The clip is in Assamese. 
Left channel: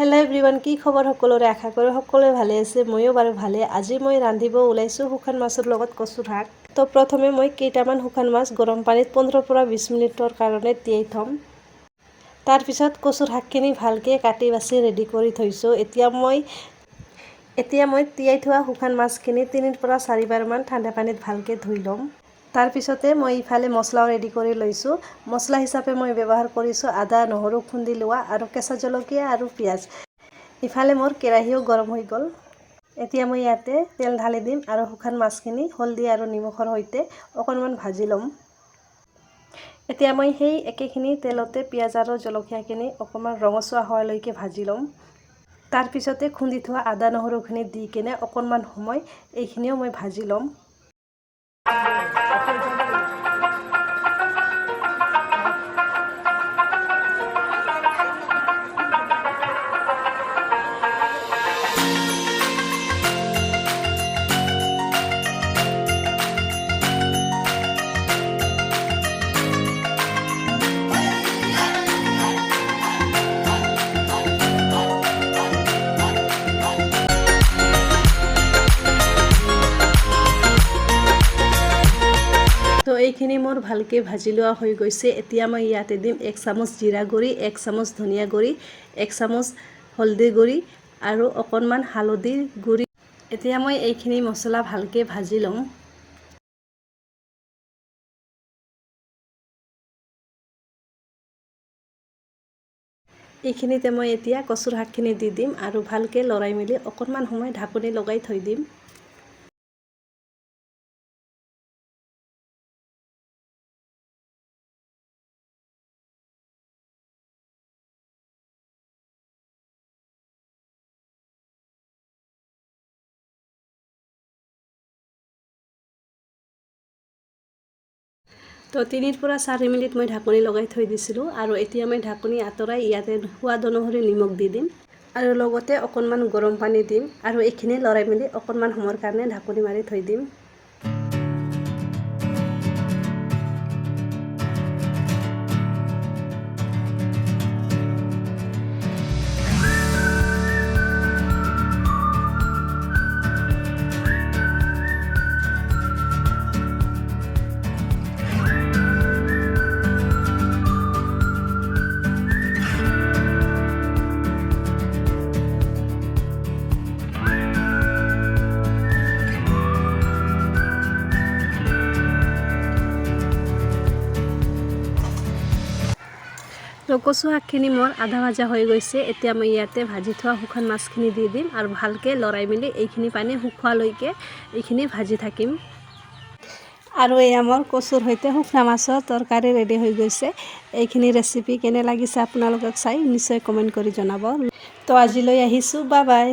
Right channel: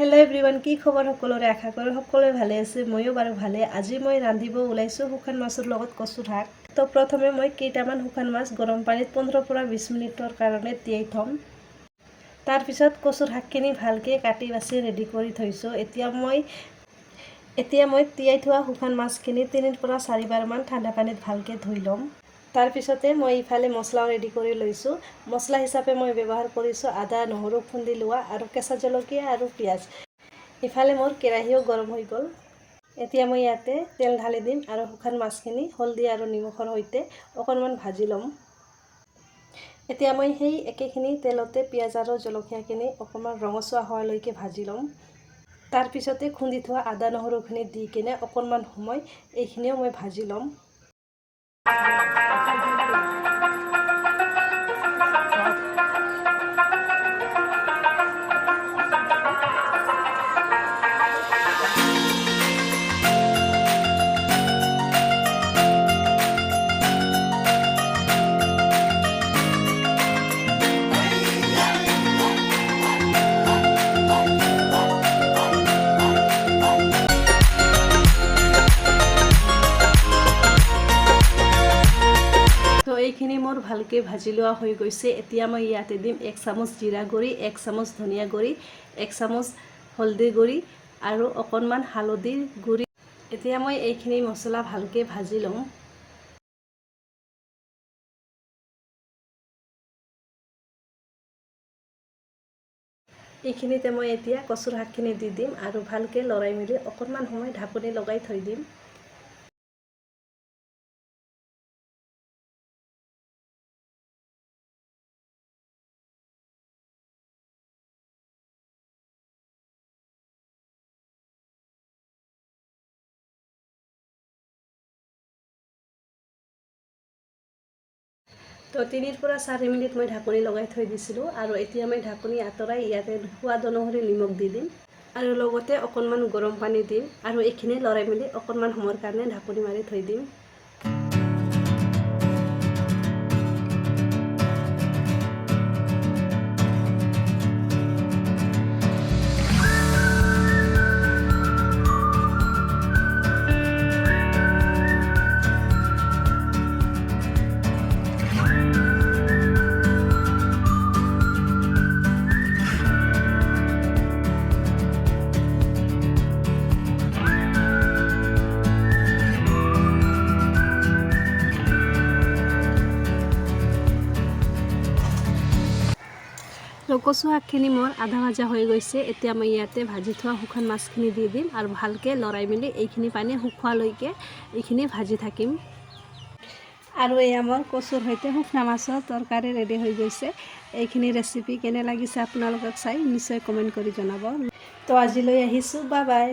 হেল্ল' এভৰিৱান, কি খবৰ সকলোৰে? আশা কৰোঁ সকলোৱে ভালে আছে। ময়ো বাৰু ভালে। আজি মই ৰান্ধিব ওলাইছোঁ শুকান মাছৰ লগত কচুৰ শাক। তো প্ৰথমে মই কেইটামান শুকান মাছ গৰম পানীত 15 পৰা 20 মিনিটৰ কাৰণে তিয়াই থ'ম। তাৰপিছত কচুৰ শাকখিনি ভালকৈ কাটি বাছি ৰেডি কৰি থৈছোঁ। এতিয়া মই তিয়াই থোৱা শুকান মাছখিনি 3 পৰা 4 বাৰমান ঠাণ্ডা পানীত ভালকৈ ধুই ল'ম। তাৰপিছতে মই ইফালে মছলাও ৰেডি কৰি লৈছোঁ। মছলা হিচাপে মই ব্যৱহাৰ কৰিছোঁ আদা, নহৰু খুন্দি লোৱা আৰু কেঁচা জলকীয়া আৰু পিঁয়াজ। ইফালে মোৰ কেৰাহীও গৰম হৈ গ'ল। এতিয়া মই ইয়াতে তেল ঢালি দিম আৰু শুকান মাছখিনি হালধি আৰু নিমখৰ সৈতে অকণমান ভাজি ল'ম। এতিয়া মই সেই একেখিনি তেলতে পিঁয়াজ আৰু জলকীয়াখিনি অকণমান ৰঙচুৱা হোৱালৈকে ভাজি ল'ম। তাৰপিছতে খুন্দি থোৱা আদা নহৰুখিনি দি কিনে অকণমান সময় এইখিনিও মই ভাজি ল'ম। তো এইখিনি মোৰ ভালকৈ ভাজি লোৱা হৈ গৈছে। এতিয়া মই ইয়াতে দিম 1 চামুচ জিৰা গুড়ি, 1 চামুচ ধনিয়া গুড়ি, 1 চামুচ হালধি গুড়ি আৰু অকণমান হালধিৰ গুড়ি। এতিয়া মই এইখিনি মছলা ভালকৈ ভাজি ল'ম। এইখিনিতে মই এতিয়া কচুৰ শাকখিনি দি দিম আৰু ভালকৈ লৰাই মেলি অকণমান সময় ঢাকনি লগাই থৈ দিম। তো 3 পৰা 4 মিনিট মই ঢাকনি লগাই থৈ দিছিলোঁ আৰু এতিয়া মই ঢাকনি আঁতৰাই ইয়াতে সোৱাদ অনুসৰি নিমখ দি দিম আৰু লগতে অকণমান গৰম পানী দিম আৰু এইখিনি লৰাই মেলি অকণমান সময়ৰ কাৰণে ঢাকনি মাৰি থৈ দিম। কচু শাকখিনি মোৰ আধা ভাজা হৈ গৈছে। এতিয়া মই ইয়াতে ভাজি থোৱা শুকান মাছখিনি দি দিম আৰু ভালকৈ লৰাই মেলি এইখিনি পানী শুকোৱালৈকে এইখিনি ভাজি থাকিম। আৰু এয়া মোৰ কচুৰ সৈতে শুকনা মাছৰ তৰকাৰী ৰেডি হৈ গৈছে। এইখিনি ৰেচিপি কেনে লাগিছে আপোনালোকক চাই নিশ্চয় কমেণ্ট কৰি জনাব। তো আজিলৈ আহিছোঁ, বাই বাই।